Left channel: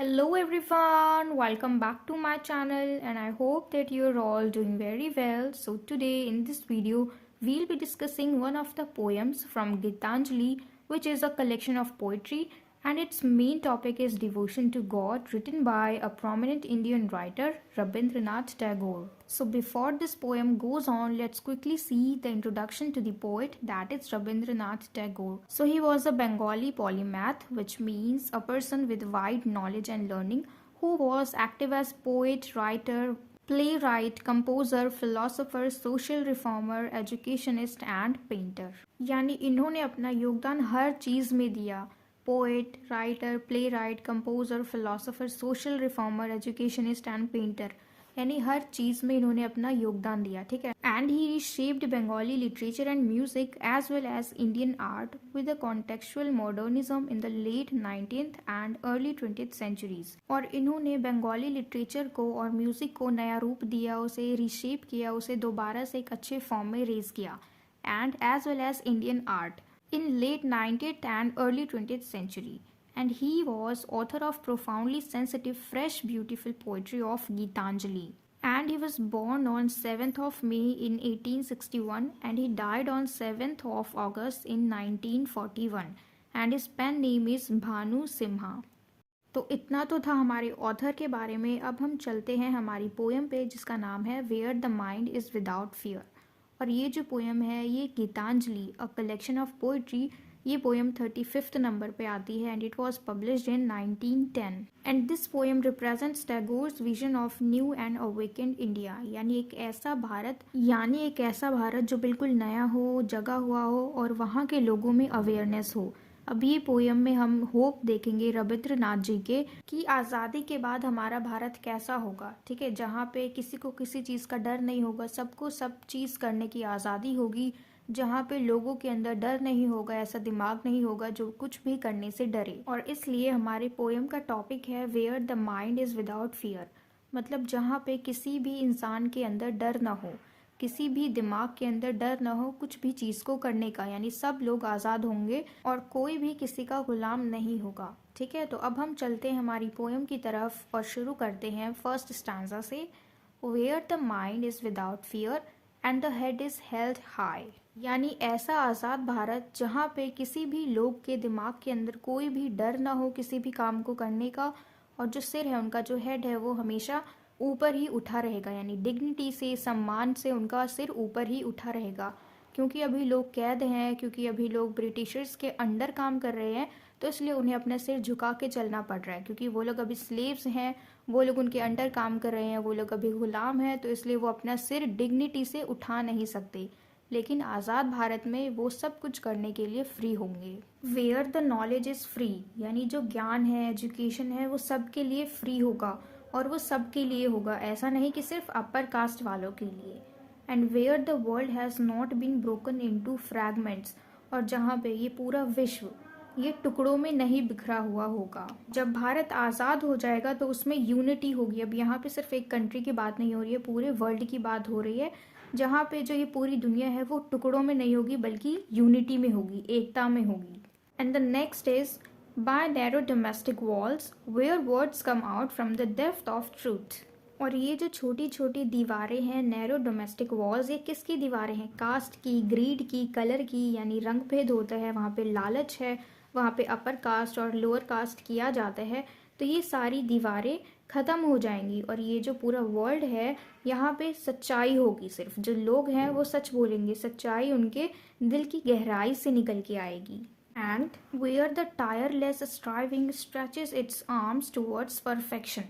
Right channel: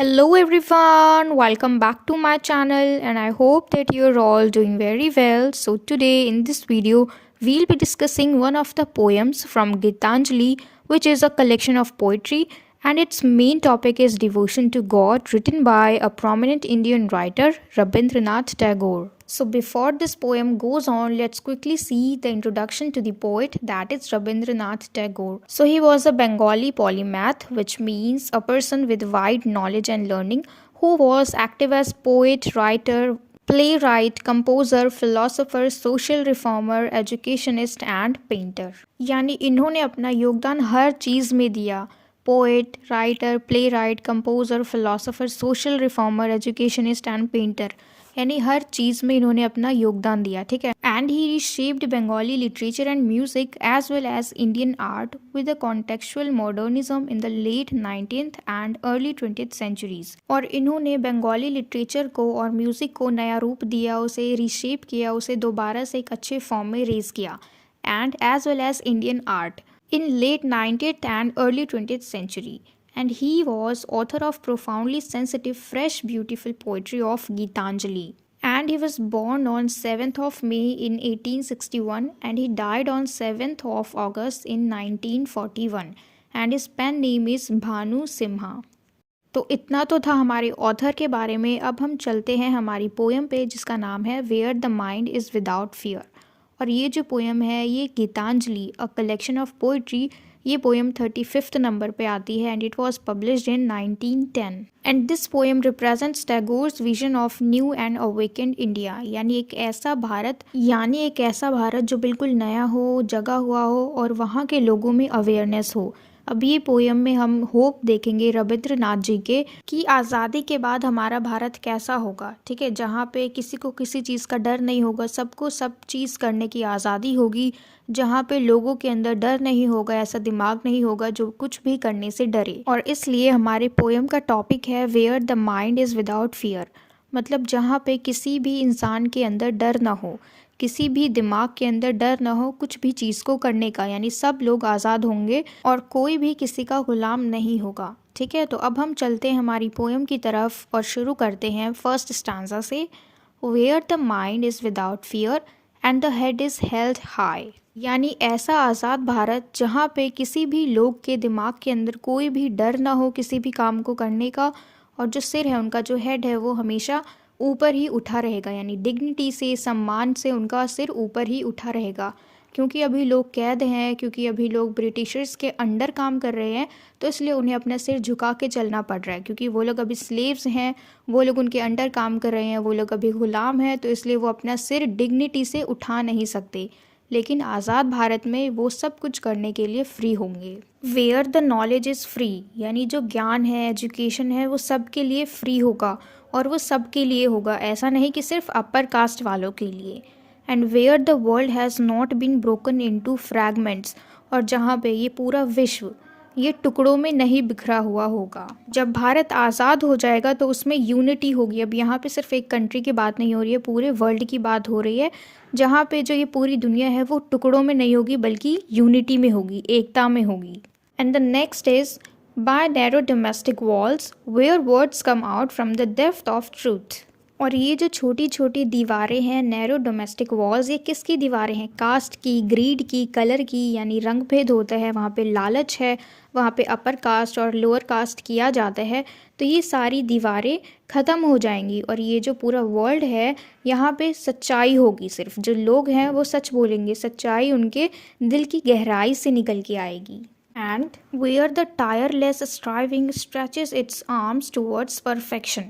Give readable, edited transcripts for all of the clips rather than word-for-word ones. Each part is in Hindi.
Hello everyone, welcome back to my channel and I hope that you're all doing very well. So today in this video, we'll be discussing one of the poems from Gitanjali, which is a collection of poetry, and its main topic is devotion to God, written by a prominent Indian writer, Rabindranath Tagore. So before this poem goes on, let's quickly see the introduction to the poet, that is Rabindranath Tagore. So he was a Bengali polymath, which means a person with wide knowledge and learning who was active as poet, writer, playwright, composer, philosopher, social reformer, educationist and painter. यानी इन्होंने अपना योगदान हर चीज़ में दिया। Poet, writer, play right, composer, philosopher, social reformer, educationist and painter, यानी हर चीज़ में इन्होंने अपना योगदान दिया। ठीक है। And he reshaped Bengali literature and music as well as Indian art with a contextual modernism in the late 19th and early 20th centuries. और इन्होंने बंगाली लिटरेचर को और म्यूजिक को नया रूप दिया, उसे रीशेप किया, उसे दोबारा से एक अच्छे फॉर्म में रेज किया, and as well as Indian art in late 19th and early 20th century, and he was author of profoundly sensitive, fresh, beautiful poetry of Gitanjali. And he was born on 7th of May in 1861 and he died on 7th of August in 1941, and his pen name is Bhanu Simha. तो इतना तो था हमारे ऑथर के बारे में। अब हम चलते हैं हमारी पोएम पे, जिसका नाम है where the mind is without fear. और ये जो पोएम है ये Gitanjali a collection of poetry, ये पोएम 35th नंबर पे आती है and it was published in 1910। And this poem represents Tagore's vision of new and awakened India, यानी एक ऐसा भारत जो बिल्कुल नया हो, जगा हुआ हो और वहाँ के लोगों में अवेयरनेस हो। अब ये पोएम में हम होप देखेंगे रविंद्रनाथ जी के कि आज़ादी के बाद हमारा भारत कैसा होगा। ठीक है, जहाँ पे किसी को किसी चीज़ का डर नहीं होगा, सबको सब चीज़ करने की आज़ादी होगी, जहाँ पे लोगों के अंदर डर नहीं होगा, ऐसा दिमाग नहीं होगा जो कुछ भी करने से डरे। और इसलिए हमारे पोएम का टॉपिक है where the mind is without fear, मतलब जहाँ पे किसी भी इंसान के अंदर डर ना हो, किसी भी दिमाग के अंदर डर ना हो कुछ भी चीज़ को करने का, यानी सब लोग आज़ाद होंगे और कोई भी किसी का गुलाम नहीं होगा। ठीक है, तो अब हम चलते हैं हमारी पोएम की तरफ और शुरू करते हैं फर्स्ट स्टांजा से। Where the mind is without fear and the head is held high, यानी ऐसा आज़ाद भारत जहाँ पे किसी भी लोग के दिमाग के अंदर कोई भी डर ना हो किसी भी काम को करने का, और जो सिर है उनका, जो हेड है, वो हमेशा ऊपर ही उठा रहेगा, यानी डिग्निटी से, सम्मान से उनका सिर ऊपर ही उठा रहेगा। क्योंकि अभी लोग कैद हैं, क्योंकि अभी लोग ब्रिटिशर्स के अंडर काम कर रहे हैं, तो इसलिए उन्हें अपना सिर झुका के चलना पड़ रहा है, क्योंकि वो लोग अभी स्लेव्स हैं, वो लोग उनके अंडर काम कर रहे हैं, वो लोग अभी गुलाम हैं, तो इसलिए वो अपना सिर डिग्निटी से उठा नहीं सकते। लेकिन आज़ाद भारत में वो सब कुछ करने के लिए फ्री होंगे। Where the knowledge is free, यानी जो ज्ञान है, एजुकेशन है, वो सबके लिए फ्री होगा और वो सबके लिए होगा, ऐसा नहीं कि सिर्फ अपर कास्ट वालों के लिए। And where the world has not been broken into fragments, और जहाँ पे ये पूरा विश्व ये टुकड़ों में नहीं बिखरा हुआ होगा। जब भारत आज़ाद हो जाएगा तो उसमें यूनिटी होगी। अब यहाँ पे सिर्फ एक कंट्री की बात नहीं हो रही है, पूरे वर्ल्ड की बात हो रही है, जहाँ पे जो ये पूरी दुनिया है वो टुकड़ों में नहीं होगी बल्कि यूनिटी में होगी, एकता में होगी। And the next is by narrow domestic walls where words come out from the depth of truth। और ये जो छोटी छोटी दीवारें हैं, नैरो डोमेस्टिक वॉल्स, ये किसकी दीवारें हैं? कास्ट की, ग्रीड की, कलर की, यानी रंग भेद होता है, वहाँ पे लालच है, वहाँ पे अपर कास्ट और लोअर कास्ट किया जाता है, तो ये सारी दीवारें ख़त्म हो जाएंगी और ये जो पूरा वर्ल्ड है यहाँ पे सच्चाई होगी। सिर्फ जो लोग हैं वो सच बोलेंगे, सच्चाई उनके दिल की गहराई से निकल के आएगी। And where the tireless striving stretches its arms towards perfection,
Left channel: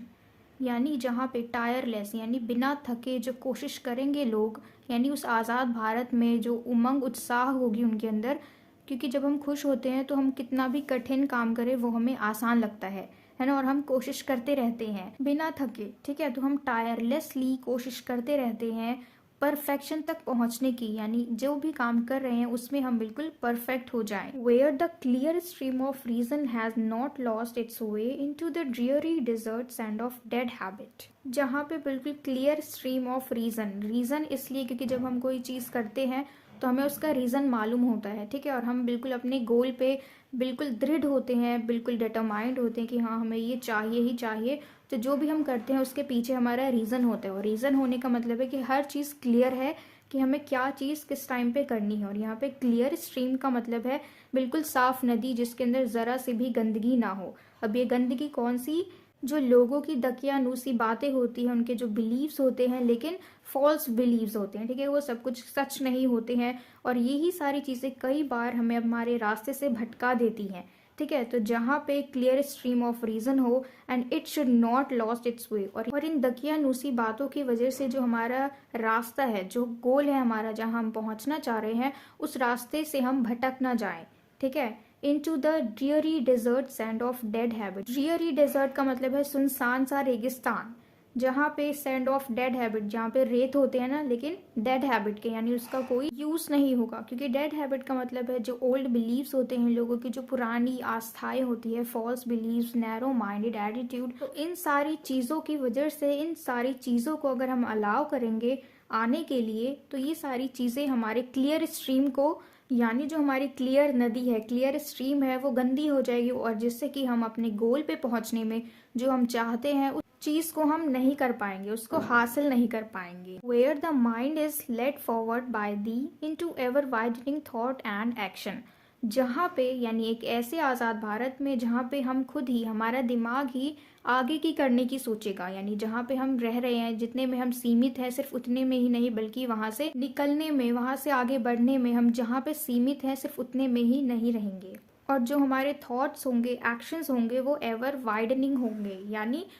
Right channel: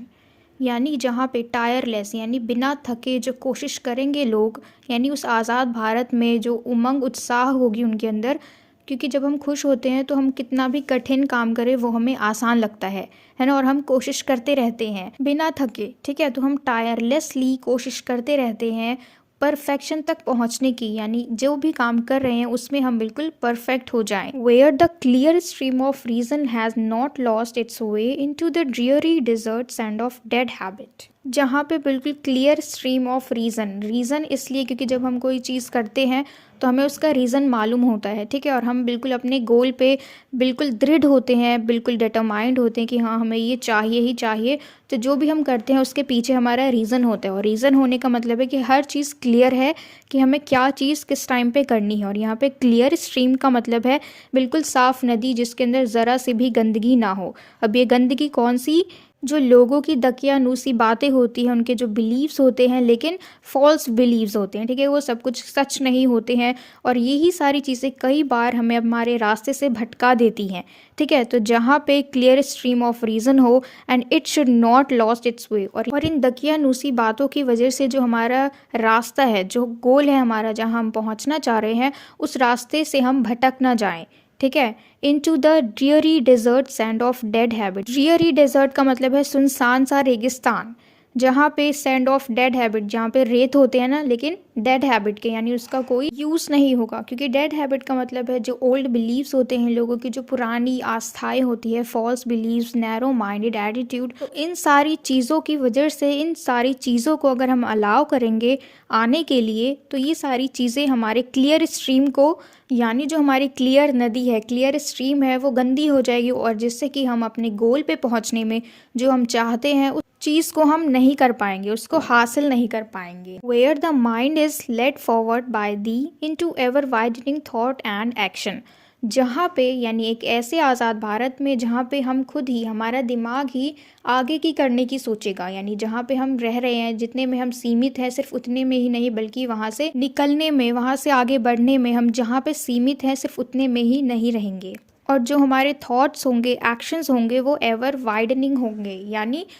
यानी जहाँ पे टायरलेस यानी बिना थके जो कोशिश करेंगे लोग, यानी उस आज़ाद भारत में जो उमंग उत्साह होगी उनके अंदर, क्योंकि जब हम खुश होते हैं तो हम कितना भी कठिन काम करें वो हमें आसान लगता है ना, और हम कोशिश करते रहते हैं बिना थके। ठीक है, तो हम टायरलेसली कोशिश करते रहते हैं परफेक्शन तक पहुंचने की, यानी जो भी काम कर रहे हैं उसमें हम बिल्कुल परफेक्ट हो जाएं। Where the clear stream of reason has not lost its way into the dreary desert sand of dead habit, जहाँ पे बिल्कुल clear stream of reason, reason इसलिए क्योंकि जब हम कोई चीज़ करते हैं तो हमें उसका रीज़न मालूम होता है, ठीक है, और हम बिल्कुल अपने गोल पे बिल्कुल दृढ़ होते हैं, बिल्कुल डिटरमाइंड होते हैं कि हाँ हमें ये चाहिए ही चाहिए। तो जो भी हम करते हैं उसके पीछे हमारा रीज़न होता है, और रीज़न होने का मतलब है कि हर चीज़ क्लियर है कि हमें क्या चीज़ किस टाइम पे करनी है। और यहाँ पे क्लियर स्ट्रीम का मतलब है बिल्कुल साफ़ नदी जिसके अंदर ज़रा सी भी गंदगी ना हो। अब ये गंदगी कौन सी, जो लोगों की दकियानूसी बातें होती हैं, उनके जो बिलीव्स होते हैं लेकिन फॉल्स बिलीव्स होते हैं, ठीक है, वो सब कुछ सच नहीं होते हैं। और यही सारी चीज़ें कई बार हमें हमारे रास्ते से भटका देती हैं, ठीक है। तो जहाँ पे क्लियर स्ट्रीम ऑफ रीज़न हो and it should not lost its way, और इन दकियानूसी बातों की वजह से जो हमारा रास्ता है, जो गोल है हमारा, जहाँ हम पहुँचना चाह रहे हैं, उस रास्ते से हम भटक ना जाएं, ठीक है। Into the dreary desert sand of dead habit. Dreary desert का मतलब है सुनसान सा रेगिस्तान, जहाँ पे सैंड ऑफ डेड हैबिट, जहाँ पे रेत होते हैं ना, लेकिन डेड हैबिट के, यानी उसका कोई यूज़ नहीं होगा। क्योंकि डेड हैबिट का मतलब है जो ओल्ड बिलीव्स होते हैं लोगों की, जो पुरानी आस्थाएं होती है, false beliefs, narrow minded attitude. तो इन सारी चीज़ों की वजह से, इन सारी चीज़ों को अगर हम अलाउ करेंगे आने के लिए, तो ये सारी चीज़ें हमारे क्लियर स्ट्रीम को, यानी जो हमारी क्लियर नदी है, क्लियर स्ट्रीम है, वो गंदी हो जाएगी, और जिससे कि हम अपने गोल पे पहुंचने में जो हम चाहते हैं उस चीज़ को हम नहीं कर पाएंगे, उसको हासिल नहीं कर पाएंगे। Where the mind is led forward by thee into ever widening thought and action. जहाँ पे, यानी एक ऐसे आज़ाद भारत में जहाँ पे हम खुद ही, हमारा दिमाग ही आगे की करने की सोचेगा, यानी जहाँ पे हम रह रहे हैं, जितने में हम सीमित हैं, सिर्फ उतने में ही नहीं बल्कि वहाँ से निकलने में, वहाँ से आगे बढ़ने में, हम जहाँ पे सीमित हैं सिर्फ उतने में ही नहीं रहेंगे। और जो हमारे थॉट्स होंगे, एक्शंस होंगे, वो एवर वाइडनिंग होंगे,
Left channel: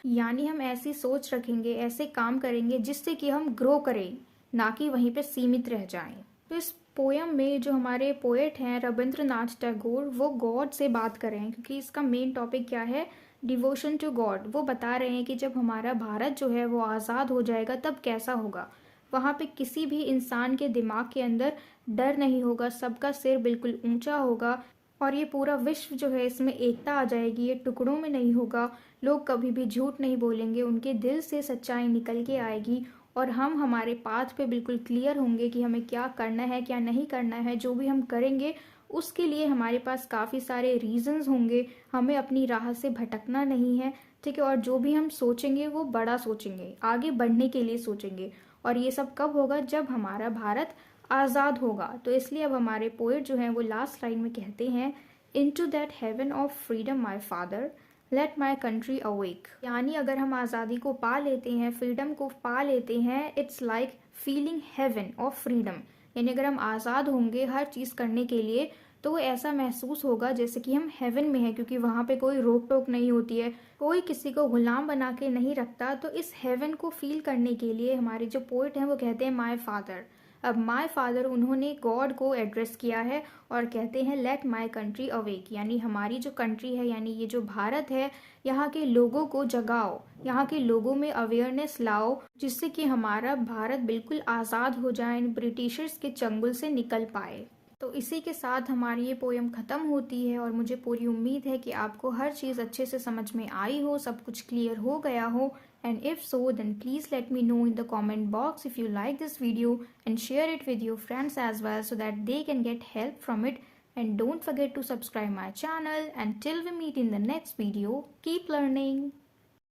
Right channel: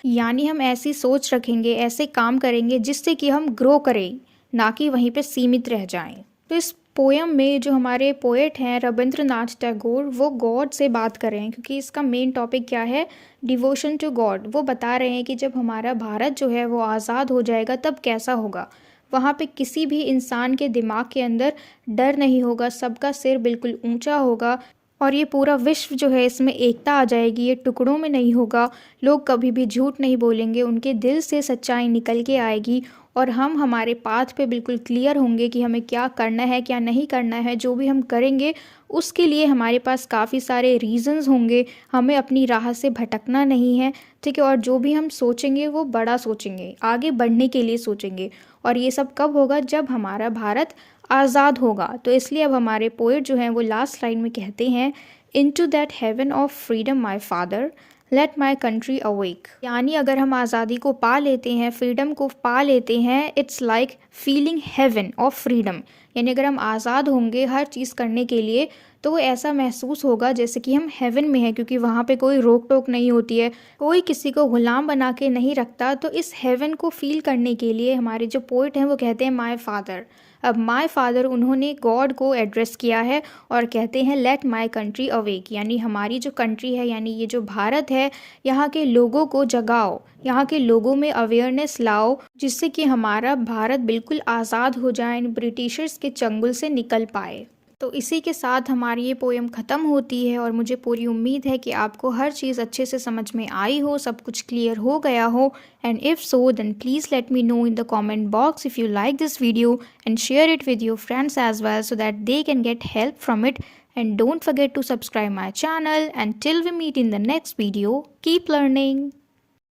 यानी हम ऐसी सोच रखेंगे, ऐसे काम करेंगे जिससे कि हम ग्रो करें, ना कि वहीं पे सीमित रह जाएं। तो इस पोयम में जो हमारे पोएट हैं रविंद्रनाथ टैगोर, वो गॉड से बात कर रहे हैं, क्योंकि इसका मेन टॉपिक क्या है, डिवोशन टू गॉड। वो बता रहे हैं कि जब हमारा भारत जो है वो आज़ाद हो जाएगा तब कैसा होगा। वहाँ पे किसी भी इंसान के दिमाग के अंदर डर नहीं होगा, सबका सिर बिल्कुल ऊंचा होगा, और ये पूरा विश्व जो है इसमें एकता आ जाएगी, ये टुकड़ों में नहीं होगा, लोग कभी भी झूठ नहीं बोलेंगे, उनके दिल से सच्चाई निकल के आएगी, और हम हमारे पाथ पे बिल्कुल क्लियर होंगे कि हमें क्या करना है क्या नहीं करना है। जो भी हम करेंगे उसके लिए हमारे पास काफ़ी सारे रीजंस होंगे, हमें अपनी राह से भटकना नहीं है, ठीक है। और जो भी हम सोचेंगे वो बड़ा सोचेंगे, आगे बढ़ने के लिए सोचेंगे, और ये सब कब होगा, जब हमारा भारत आज़ाद होगा। तो इसलिए अब हमारे पोएट जो हैं वो लास्ट लाइन में कहते हैं, into that heaven of freedom my father let my country awake. यानी अगर हम आज़ादी को पा लेते हैं, फ्रीडम को पा लेते हैं, it's like feeling heaven of freedom. यानी अगर हम आज़ाद होंगे हर चीज़ करने के लिए, तो वो ऐसा महसूस होगा जैसे कि हम हेवन में हैं, क्योंकि वहाँ पे कोई रोक टोक नहीं होती है, कोई किसी को गुलाम बना के नहीं रखता। तो इस हेवन को फील करने के लिए हमारे जो पोइट हैं वो कहते हैं माय फादर। अब माय फादर, उन्होंने गॉड को एड्रेस किया है और कहते हैं लेट माय कंट्री अवेक, यानी हमारी जो कंट्री है, यानी ये जो भारत है, यहाँ के लोगों को जगाओ, यहाँ के लोगों में अवेयरनेस लाओ, जिससे कि हमारा भारत बिल्कुल आज़ाद हो जाए, ब्रिटिशर्स के चंगुल से निकल पाए। तो इसी के साथ हमारी ये पोएम ख़त्म होती है, और मुझे पूरी उम्मीद है कि आपको हर चीज़ अच्छे से समझ में आई हो, सब कुछ क्लियर हो गया हो। And if so then please let me know in the comment box if you like this video, and share it with your friends as well so that they can get help from it. And don't forget to subscribe my channel. Until we meet in the next video, keep learning.